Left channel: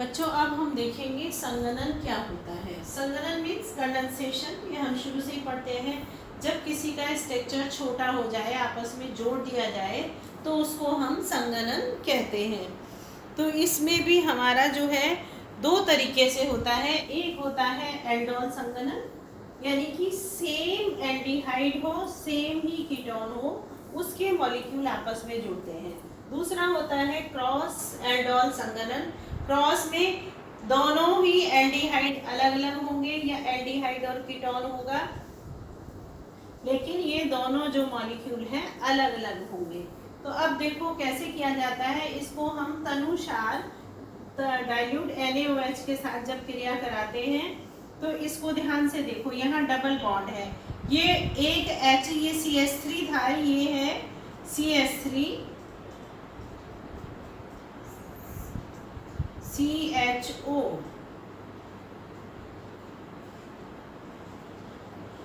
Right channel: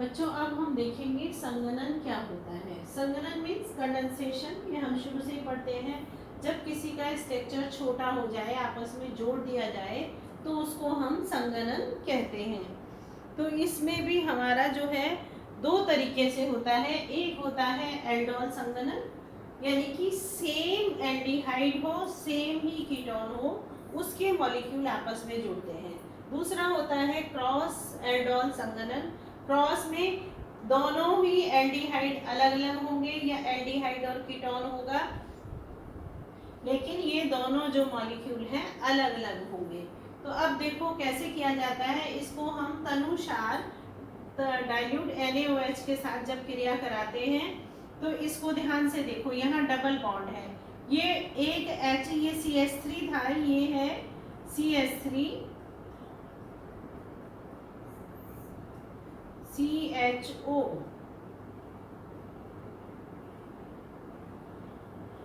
बच्चों अब हम देखेंगे संघनन क्या होता है। संघनन मीन्स कंडेंसेशन। ये हम शुरू से ही पढ़ते हैं। जब किसी का स्ट्रक्चर छोटा हो जाए, आपस में जोड़ दिया जाए, तो उसको हम संघनन कहते हैं। तो इसमें भी हमारा जो है दो तरीके से होता है। एक होता है एल्डोल संघनन, यानी कि सेम एल्डिहाइड हो, सेम ही कीटोन हो, उसके मॉलिक्यूल आपस में जुड़ते हैं। दूसरा होता है क्रॉस एल्डोल संघनन। क्रॉस में दोनों ही एल्डिहाइड अलग अलग होंगे, या एल्डिहाइड और कीटोन होगा, लेकिन ये दोनों जो मॉलिक्यूल हैं अलग अलग होंगे। तो अब देखो कैसे किया जाता है। इसको हम तनुसार डाइल्यूट NaOH के साथ जब क्रिया कराते हैं, तो इसको ध्यान से देखो, यहाँ डबल बॉन्ड है। ये एक H, ये CH3 था, ये है CH3 CHO।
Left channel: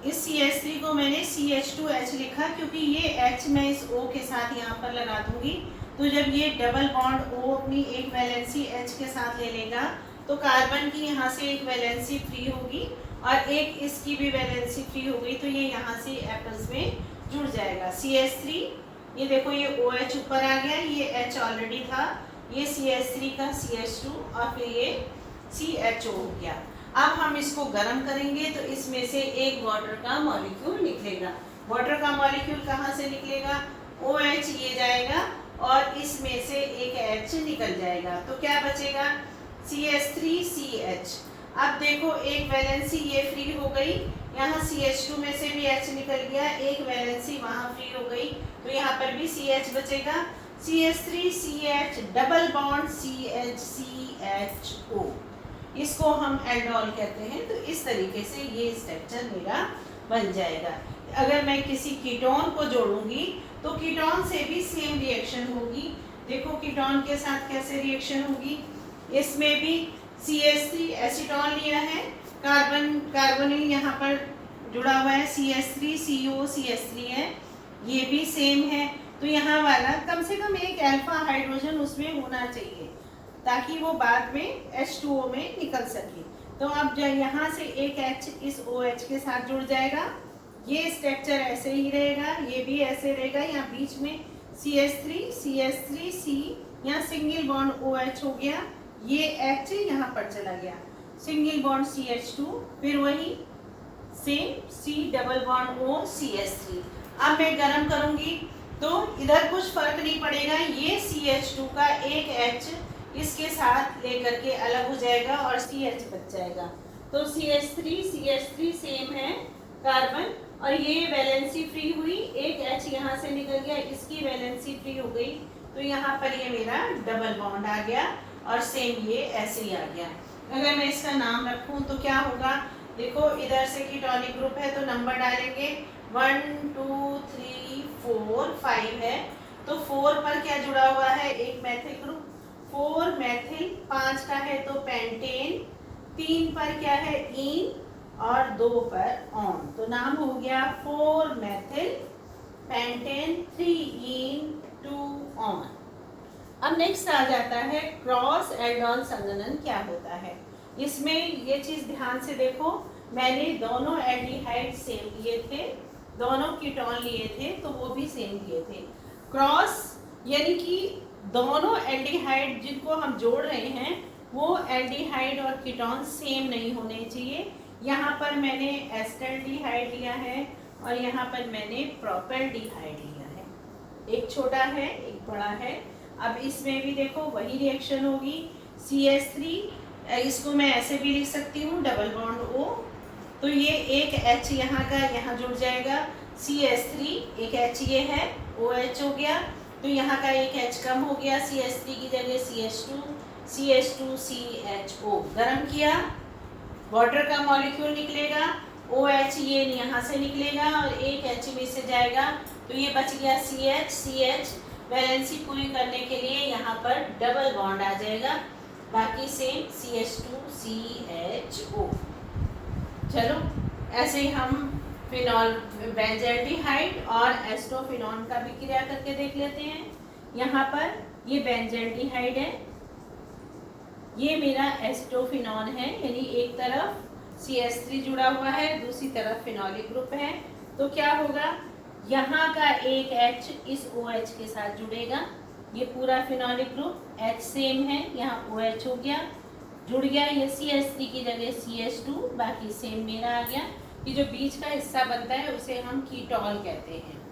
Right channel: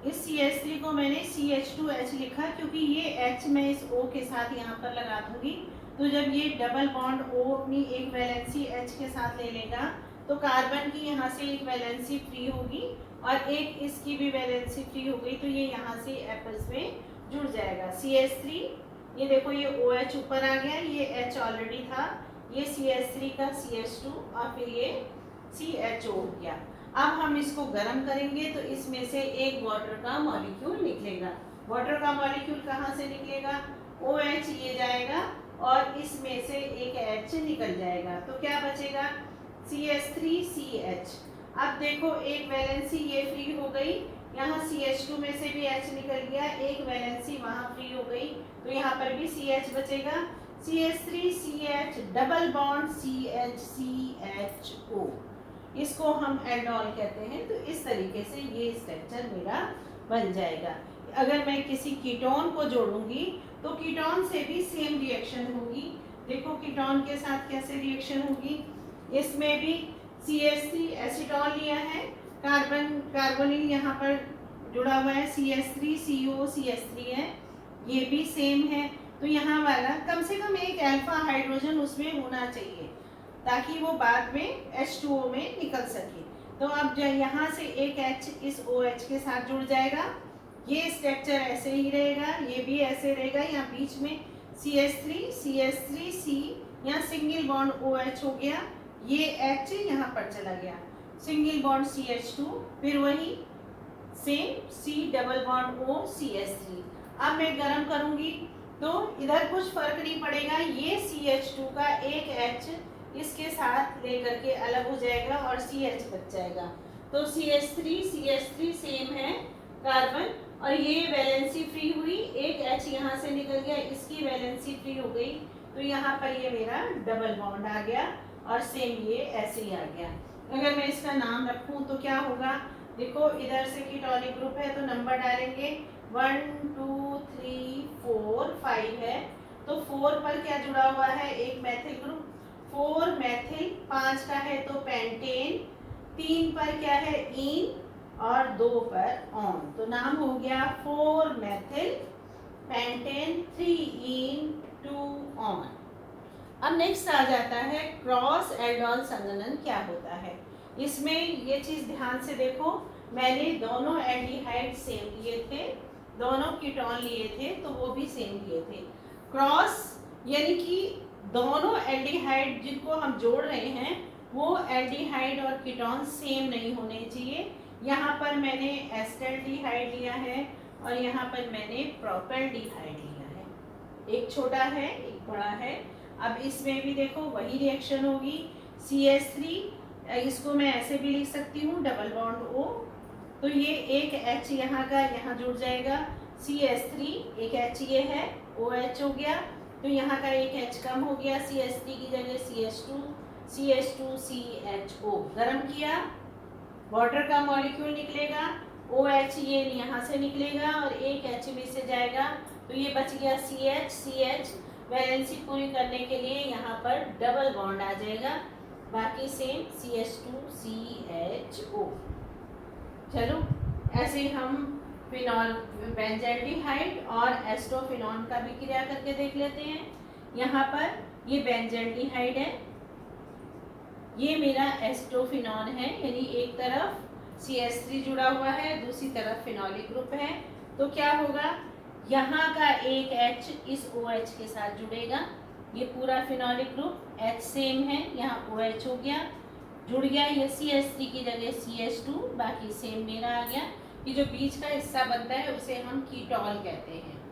इस CH3 को मैंने CH2H लिखा, क्योंकि ये H मैं इस O के साथ यहाँ पर लगा दूंगी। तो जब ये डबल बॉन्ड O अपनी एक वैलेंसी H के साथ ले लेगा, तो कार्बन की यहाँ से एक वैलेंसी फ्री होगी और एक इसकी भी वैलेंसी फ्री हो गई, तो ये यहाँ से आपस में जुड़ जाएगा। CH3, ये देखो ये OH ऊपर आ गया, ये H ऑलरेडी था, ये CH3 का CH2 और फिर ये CHO हो गया। अब हम इसको गर्म करेंगे तो इसमें से एक वाटर का मॉलिक्यूल निकलेगा। वाटर का मॉलिक्यूल कहाँ से निकलेगा? OH ये जाएगा और इसमें से एक H निकल जाएगा, तो क्या बचेगा? CH3CH। अब देखो एक वैलेंसी ये फ्री हो गई, यहाँ CH2 में से भी H निकल गया, एक वैलेंसी वहाँ फ्री हो गई, तो यहाँ पर भी CH बचेगा। CH3CH डबल बॉन्ड CH2CHO, इसको हम एल्डोल कहते हैं। तो इस तरीके से ये स्ट्रक्चर मेरा बन जाएगा। अगर मैं किसी कीटोन को जोड़ूंगी तो कीटोन से भी सेम रिएक्शन होगी। देखो कीटोन के साथ कैसे रिएक्शन होगी। इसमें भी CH3 एसीटोन लिया है, कार्बोनिल यहाँ पर जुड़ा हुआ है, CH3CO CH3 है, ये भी सेम है। तो यहाँ वाला कम से कम एक अल्फा हाइड्रोजन उसमें होना चाहिए, ताकि वो बाद में H2O में निकल सके। तो अब जब यहाँ से एक H इस OH के साथ जुड़ जाएगा, ये स्ट्रक्चर ऐसे ही रहेगा, ये भी ऐसे रहेगा। यहाँ बीच में CH3C, यहाँ सिंगल बॉन्ड OH हो गया, ये H यहाँ पर चला गया, सिंगल बॉन्ड CH2, फिर वही same C double bond O CH3। अब मैं गर्म करूंगी तो इधर कुछ फर्क नहीं पड़ेगा, ये CH2 का एक H इसके साथ लेकर के अलग हो जाएगा और CH बच जाएगा। तो CH3 सेम है कार्बन, और ये वैलेंसी फ्री हुई, एक H यहाँ से निकल गया, इसकी वैलेंसी फ्री हो गई, तो यहाँ पर ये मेरा डबल बॉन्ड आ गया और सेम ये ऐसे ही आ गया। अगर मैं इसका नाम रखूं तो क्या होगा? देखो इधर से कीटोनिक ग्रुप है तो नंबर डालेंगे 1 2 3 4 5 है, तो 4 पर क्या जुड़ा हुआ है? एक मैथिल ग्रुप, 4 मैथिल, 5 का है तो पेंटेन, 3 पर क्या है? इन, और 2 पर ऑन, तो नाम हो गया 4 मैथिल पेंटेन 3 इन 2 ऑन। अब नेक्स्ट आ जाता है क्रॉस एल्डोल संघनन क्या होता है। इसमें ये चीज ध्यान से देखो, मैंने दोनों एल्डिहाइड सेम लिए थे, दोनों कीटोन लिए थे, तो वो भी सेम लिए थे। क्रॉस यानी कि दोनों एल्डिहाइड जिनको हम जोड़ रहे हैं वो एल्डिहाइड और कीटोन सेम नहीं होने चाहिए। यहाँ पर मैंने एस्टल्डिहाइड लिया है और यहाँ पर मैंने प्रोपेल्डिहाइड लिया है, एक छोटा है एक बड़ा है। अब इसमें भी देखो वही रिएक्शन होगी। CH3, इसको मैं ऐसे भी लिख सकती हूँ डबल बॉन्ड O, तो ये एक H यहाँ का यहाँ जुड़ जाएगा, CH3 एक H ये है, OH हो गया, तो यहाँ का एक H कम हो गया, CH3 की जगह CH2CHO। गरम किया, वाटर का मॉलिक्यूल निकलेगा, OH ये यहाँ से निकलेगा और एक H में से जाएगा, तो ये बच गया CH। वैलेंसी पूरी करने के लिए यहाँ पर डबल बॉन्ड आ जाएगा, बाकी सेम CH2CHO। चलो ऐसे ही हम फिनॉल बेंजल्डिहाइड और एस्टोफिनॉन का भी क्रिया करके देख लेते हैं। यहाँ पर ये बेंजल्डिहाइड है, ये एस्टोफिनॉन है, ये कार्बन, कार्बोनिल यहाँ पर जुड़ा हुआ है, कार्बोनिल यहाँ से निकलेगा, कार्बन की वैलेंसी फ्री हो गई, तो यहाँ पर ये मेरा एस्टोफिनॉन है, यानी एक तरफ CH3 जुड़ा हुआ है, दूसरी तरफ फिनोलिक ग्रुप है। तो क्या होगा, यहाँ का एक H इस OH के साथ जुड़ेगा, ये पूरा फिनोलिक ग्रुप H सेम है, यहाँ OH हो गया, जुड़ गया, ये CH3 की जगह CH2, बाकी सेम मेरा आ गया। ये जो बीच का हिस्सा बनता है उसे हम कीटोन कहते हैं।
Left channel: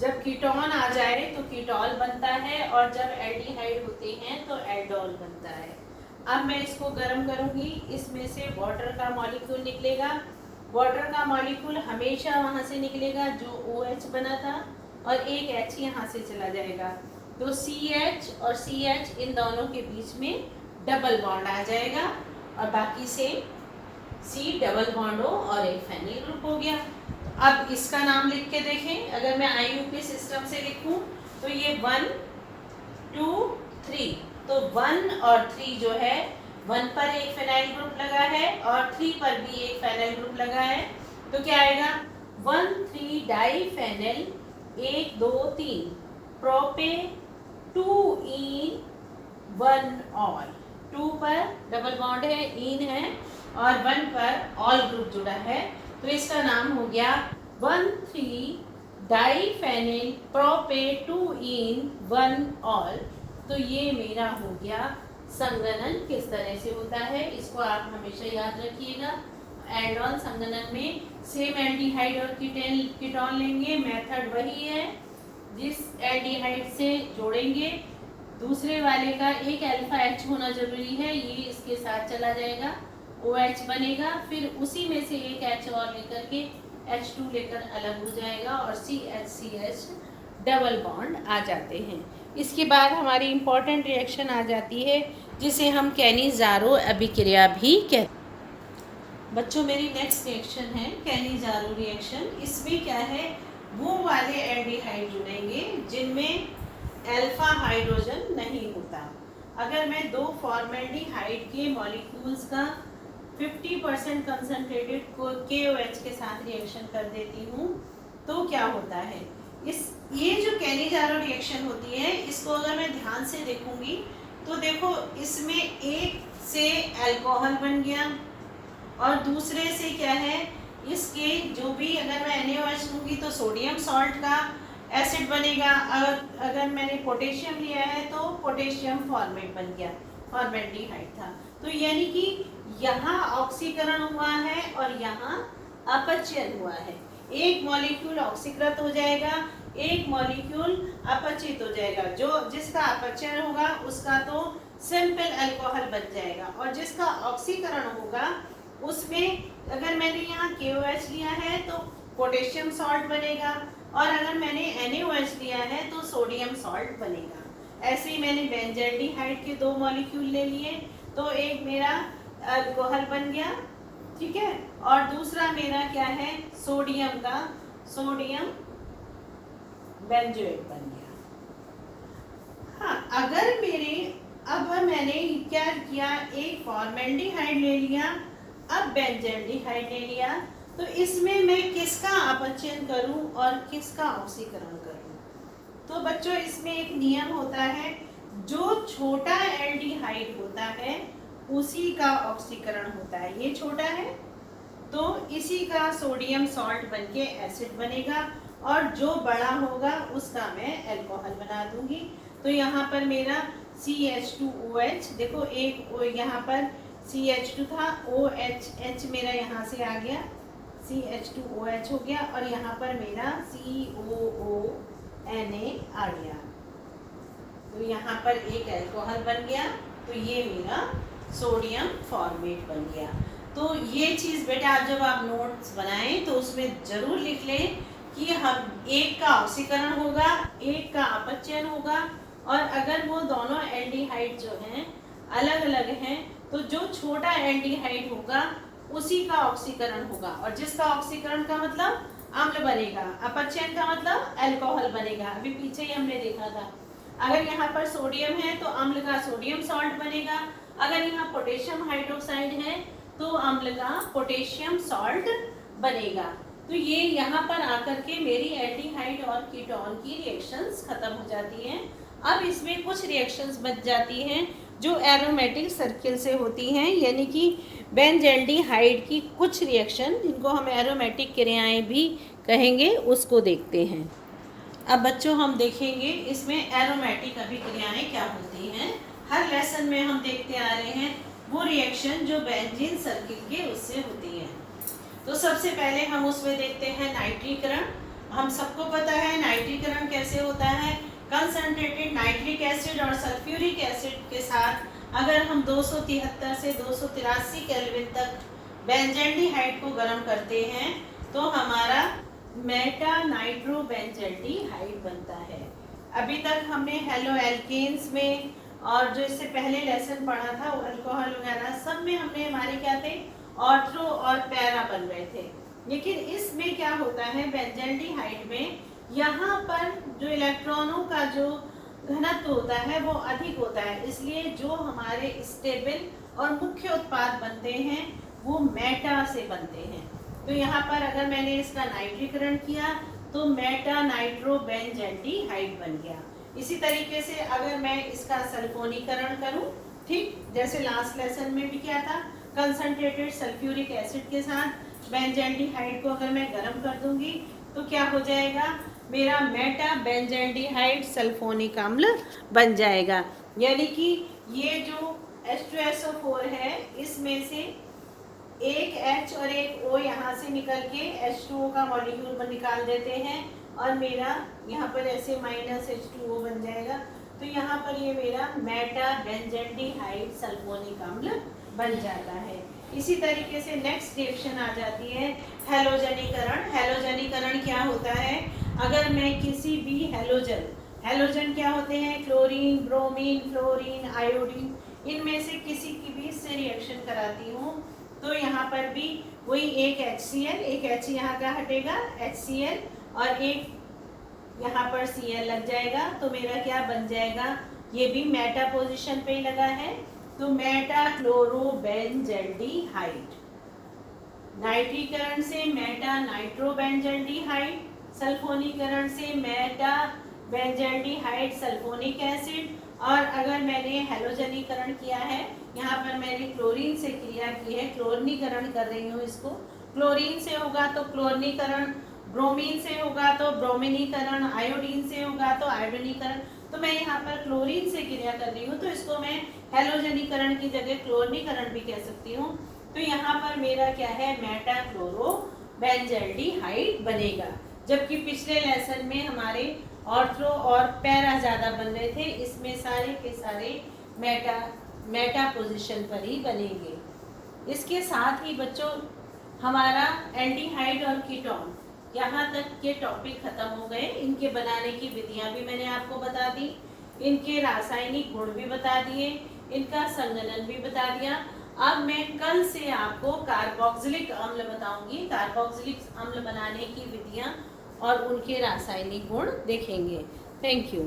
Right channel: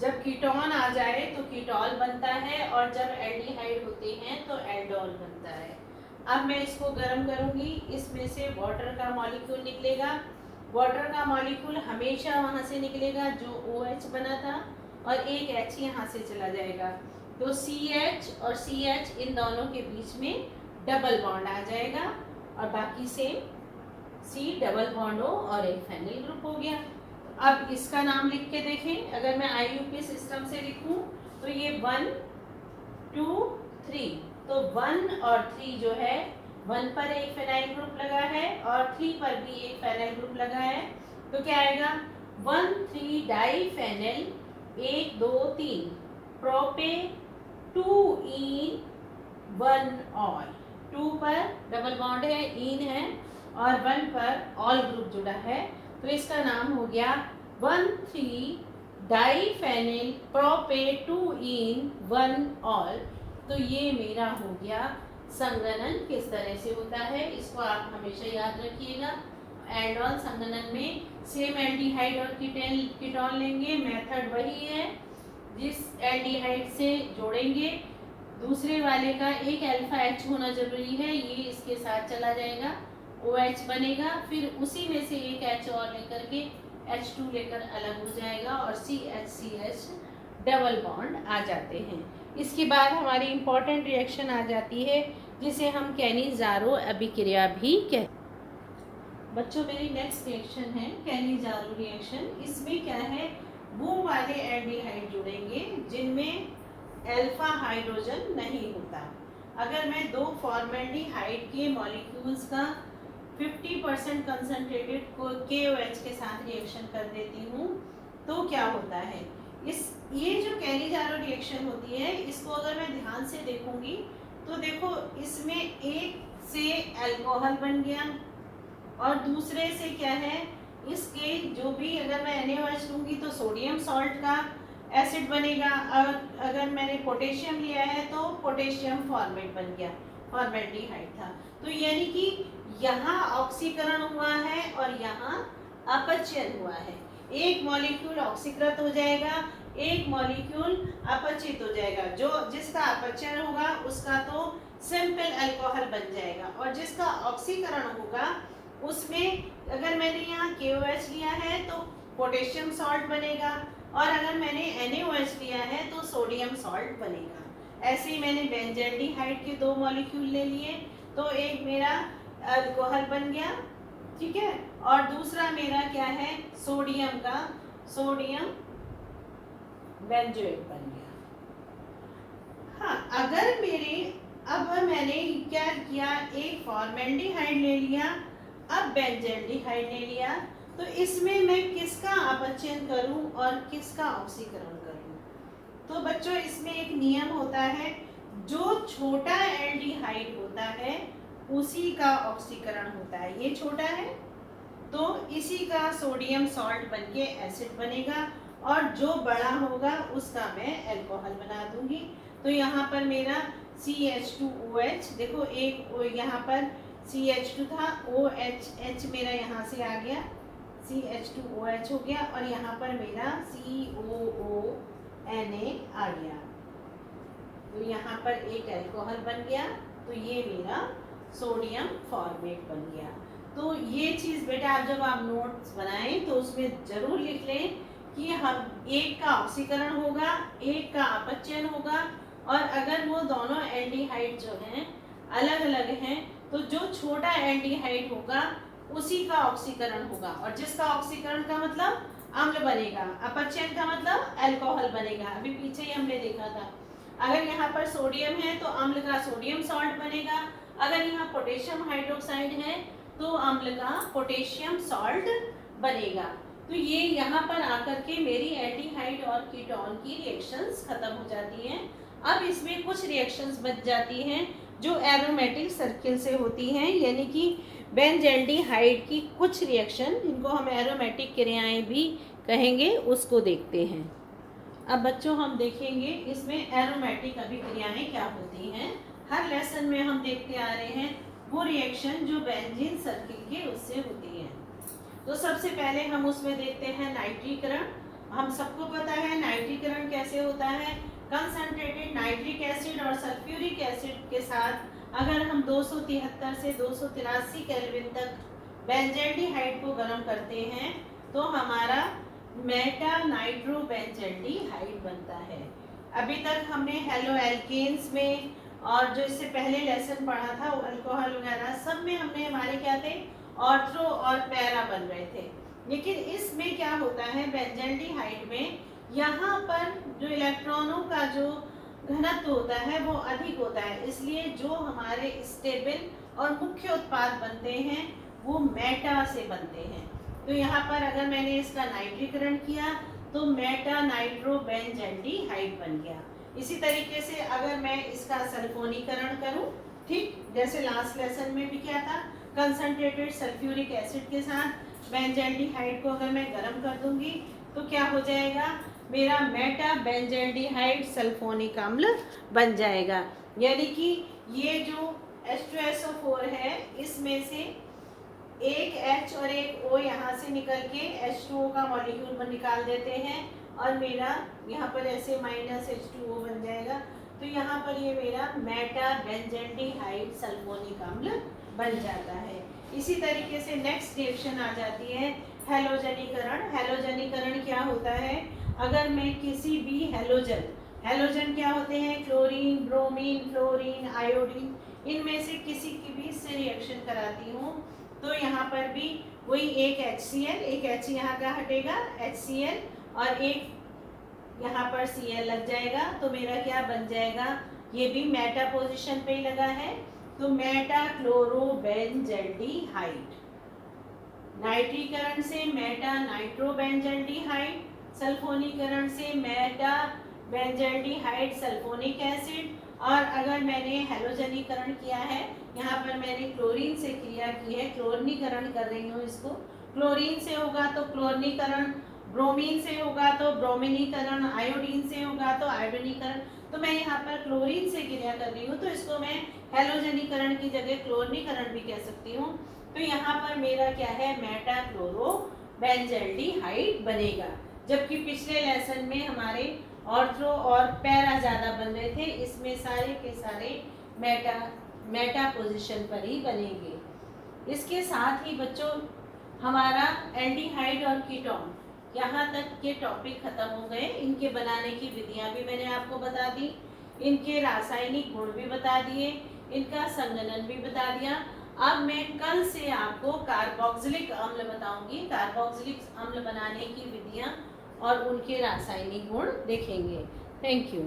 जब कीटोन आ जाए तो कीटोल बनता है, और जब एल्डिहाइड होते हैं तो एल्डोल बनता है। अब मैं इसको गर्म करूंगी, इसमें से वाटर का मॉलिक्यूल निकलेगा। वाटर का मॉलिक्यूल हमेशा वहां से निकलेगा जो OH बना था, और एक H यहाँ से चला जाएगा, तो CH और CH इन दोनों के बीच में डबल बॉन्ड आ जाएगा, और बाकी से C डबल बॉन्ड O और एक फेनिल ग्रुप हो गया। अब इसका नाम लिख के देखें, अगर मैं IUP सिस्टम से लिखूं तो ये 1 2 3, तो 1 और 3 जो है, 1 पर एक फेनाइल ग्रुप लगा है और 3 पर भी एक फेनाइल ग्रुप लगा है, तो क्या आएगा 1,3 डाई फेनिल 1 2 3 प्रोपे 2 इन 1 ऑल। 2 पर डबल बॉन्ड है, इन है, और 1 पर ऑल ग्रुप जुड़ा है, तो इसका नाम हो गया 1,3 डाईफेनिल प्रोपे 2 इन 1 ऑल। तो ये मेरा हो गया संघनन किस तरह से होता है, इसको आप हमेशा याद रखिएगा। एड ऑन संघनन में सेम एल्डिहाइड और कीटोन लेंगे, मेथड वही है, जिस एल्डिहाइड से जोड़ेंगे दूसरे वाले का एक अल्फा H होना जरूरी है, ये इसके साथ चला जाएगा, OH बनेगा, फिर उसी में से एक H और लेकर के H2 लेकर अलग हो जाएगा, और CH डबल बॉन्ड आ जाते हैं। इसके बाद हमारी इंपॉर्टेंट रिएक्शन आ जाती है जिसे हम कैनिज़ारो अभिक्रिया भी कहते हैं। बच्चों, मेरी नेक्स्ट रिएक्शन है कैनिज़ारो रिएक्शन। इसमें क्या है, वो वाले एल्डिहाइड जुड़ेंगे जिनमें अल्फा हाइड्रोजन नहीं होता। अगर मैं दो फॉर्मेल्डिहाइड के मॉलिक्यूल्स का 50% कंसंट्रेटेड KOH के साथ रिएक्शन कर देती हूँ, तो क्या होता है, ये जो कैनिज़ारो रिएक्शन होती है, इसको अगर मैं ध्यान से देखूंगी तो देखो, इसमें एक से अल्कोहल बन गया, और दूसरे से क्या है, इसके जो भी अगर मैं NaOH लूंगी तो सोडियम सॉल्ट का एसिड बनेगा, अगर मैंने पोटेशियम लिया है तो पोटेशियम फॉर्मेट बन गया, फॉर्मेल्डिहाइड था। तो यानी कि यहाँ ऑक्सीकरण हुआ है और यहाँ अपचयन हुआ है। एक मॉलिक्यूल ऑक्सीकृत हो जाएगा, एक मॉलिक्यूल अपचित हो जाएगा। जो जिसका अपचयन होगा उसका तो सिंपल अल्कोहल बन जाएगा, और जिसका ऑक्सीकरण होगा उसमें अगर मैंने यहाँ KOH लिया है तो पोटेशियम सॉल्ट बनेगा, और अगर मैंने NaOH लिया है तो सोडियम सॉल्ट बनेगा। ऐसे ही मैंने बेंजल्डिहाइड के 2 मॉलिक्यूल ले लिए, तो एक मेरा अल्कोहल बन गया, ठीक है, और दूसरा मेरा क्या है, सोडियम बेंजोएट बन गया। हाँ, अगर अब मैंने क्या किया, एक फॉर्मेल्डिहाइड ले लिया, अब बेंजल्डिहाइड ले लिया, तो इसमें मैं किसका अपचयन करूं और किसका ऑक्सीकरण करूं। तो बच्चों, इसमें एक नियम होता है, जो छोटा एल्डिहाइड होता है उसी का ऑक्सीकरण होता है। ये छोटा है तो इसी का सोडियम सॉल्ट बनके एसिड बनेगा, और जो बड़ा होगा उसका मैं अल्कोहल बना दूंगी। तो यहाँ पर मेरा CH2OH, देखो एक यहाँ पर CH2 था, OH मेरा यहाँ से आ गया, CH2OH हो गया, और यहाँ पर मेरा COONA आ गया, तो यहाँ पर एक अल्कोहल बन गया, तो ये मेरा सोडियम फॉर्मेट बन गया। तो ये चीज़ बेटा आप जब आप नोट्स बनाएं तो उसमें जरूर लिख लें कि हम एक का ऑक्सीकरण होगा, एक का अपचयन होगा, और अगर वो दोनों एल्डिहाइड जो हैं अलग अलग हैं तो जो छोटा एल्डिहाइड होगा उसी का ऑक्सीकरण होगा, और जिसका ऑक्सीकरण का मतलब अम्ल बनेगा, अपचयन का मतलब अल्कोहल बनेगा। अभी पीछे ही हमने देखा था, अगर यहाँ पर सोडियम है तो अम्ल का सोडियम सॉल्ट बनेगा, अगर यहाँ पोटेशियम हाइड्रोक्साइड है तो अम्ल का पोटेशियम सॉल्ट बनेगा। तो ये यहाँ पर आकर के मेरी एल्डिहाइड और कीटोन की रिएक्शंस खत्म हो जाती हैं। अब इसमें कुछ रिएक्शंस बच जाती हैं जो एरोमेटिक सर्किल से होती हैं, यानी कि बेंजल्डिहाइड की कुछ रिएक्शन जिनको हम एरोमेटिक क्रियाएं भी कहेंगे उसको देखते हैं। अब बच्चों हम देखेंगे इसमें एरोमेटिक अभिक्रियाएं क्या होती हैं। हर लेसन में हम देखते आ रहे हैं वो रिएक्शन जो बेंजीन सर्किल के उससे होती है। तो सबसे पहले हम उसमें देखते हैं नाइट्रीकरण। हम सबको पता है नाइट्रीकरण कैसे होता है। कंसंट्रेटेड नाइट्रिक एसिड और सल्फ्यूरिक एसिड के साथ अगर हम 273 से 283 केल्विन तक बेंजल्डिहाइड को गर्म करते हैं तो हमारा मेटा नाइट्रोबेंजल्डिहाइड बनता है। अभी तक हमने हेलो एल्केन्स में और जो इससे पहले लेसन पढ़ा था वो अल्कोहल वगैरह सब में हमने हमारे क्या थे, ऑर्थो और पैरा बन गए थे। लेकिन इसमें क्या होता है बेंजल्डिहाइड में, यहाँ पर जो इलेक्ट्रॉनों का जो घनत्व होता है वो अधिक होता है, इसलिए जो हमारे स्टेबल और मुख्य उत्पाद बनते हैं वो मेटा से बनते हैं। तो यहाँ पर अगर मैंने इसका नाइट्रीकरण किया तो मेटा नाइट्रोबेंजल्डिहाइड बन गया। इसी तरीके से अगर मैं इसका सल्फोनीकरण करूं, ठीक जैसे लास्ट लेसन में भी किया था, कंसंट्रेटेड सल्फ्यूरिक एसिड के साथ बेंजल्डिहाइड को अगर मैं गर्म कर दूंगी तो क्या हो जाएगा, मेरा मेटा बेंजल्डिहाइड सल्फोनिक अम्ल बन जाएगा। यानी कि ये जो H2SO4 है इसमें से एक H और एक O यहाँ से निकल के H2O का मॉलिक्यूल निकाल देते हैं और मेरा यहाँ पर ऐसे -H2O बन जाएगा। तो यहाँ पर ये मेरा मेटा बेंजल्डिहाइड सल्फोनिक अम्ल बन जाता है। इसी तरीके से नेक्स्ट रिएक्शन आ जाती है हैलोजनीकरण। हैलोजनीकरण क्या होता है, अगर मैं किसी भी हैलोजन क्या होते हैं, क्लोरीन, ब्रोमीन, फ्लोरीन, आयोडीन, इनमें से किसी की भी से रिएक्शन कराती हूँ तो यहाँ पर भी वही एक HCl, एक H यहाँ का हटेगा HCl और एक यहाँ पर Cl लग जाएगा तो मेरा क्या बन जाएगा, ये भी मेटा पोजीशन पे ही लगा है तो मेटा क्लोरोबेंजल्डिहाइड। नाइट्रीकरण से मेटा नाइट्रोबेंजल्डिहाइड, सल्फोनीकरण से मेटा बेंजल्डिहाइड सल्फोनिक एसिड, और अगर मैंने हैलोजनीकरण किया है, यहाँ पर मैंने क्लोरीन से क्रिया की है, क्लोरीनीकरण कर रही हूँ इसको, क्लोरीन से होगा तो क्लोरीनीकरण, ब्रोमीन से होगा तो ब्रोमिनीकरण, आयोडीन से होगा तो आयोडीनीकरण, तो मैं यहाँ पर क्लोरीन से क्रिया कर रही हूँ तो इसको मैं हैलोजनीकरण की जगह क्लोरीनीकरण भी कह सकती हूँ। तो यहाँ पर मेरा क्या है, मेटा क्लोरोबेंजल्डिहाइड बनेगा। जबकि पिछले लेसन में हमारे ऑर्थो और पैरा ज्यादा बन रहे थे, इसमें सारे के सारे मेटा पोजीशन पर ही बनेंगे। इसके साथ ही बच्चों हमारा एल्डिहाइड और कीटोन, यहाँ तक के टॉपिक खत्म हो गए। इनके बनाने की विधियां भी मैंने आपको बता दी, इनके रासायनिक गुण भी बता दिए, इनका संगठन भी बता दिया। अब मैं कल से आपको कार्बोक्सिलिक अम्ल बताऊंगी, कार्बोक्सिलिक अम्ल बनाने की विधियां और उनके रासायनिक गुण देखेंगे। Thank you.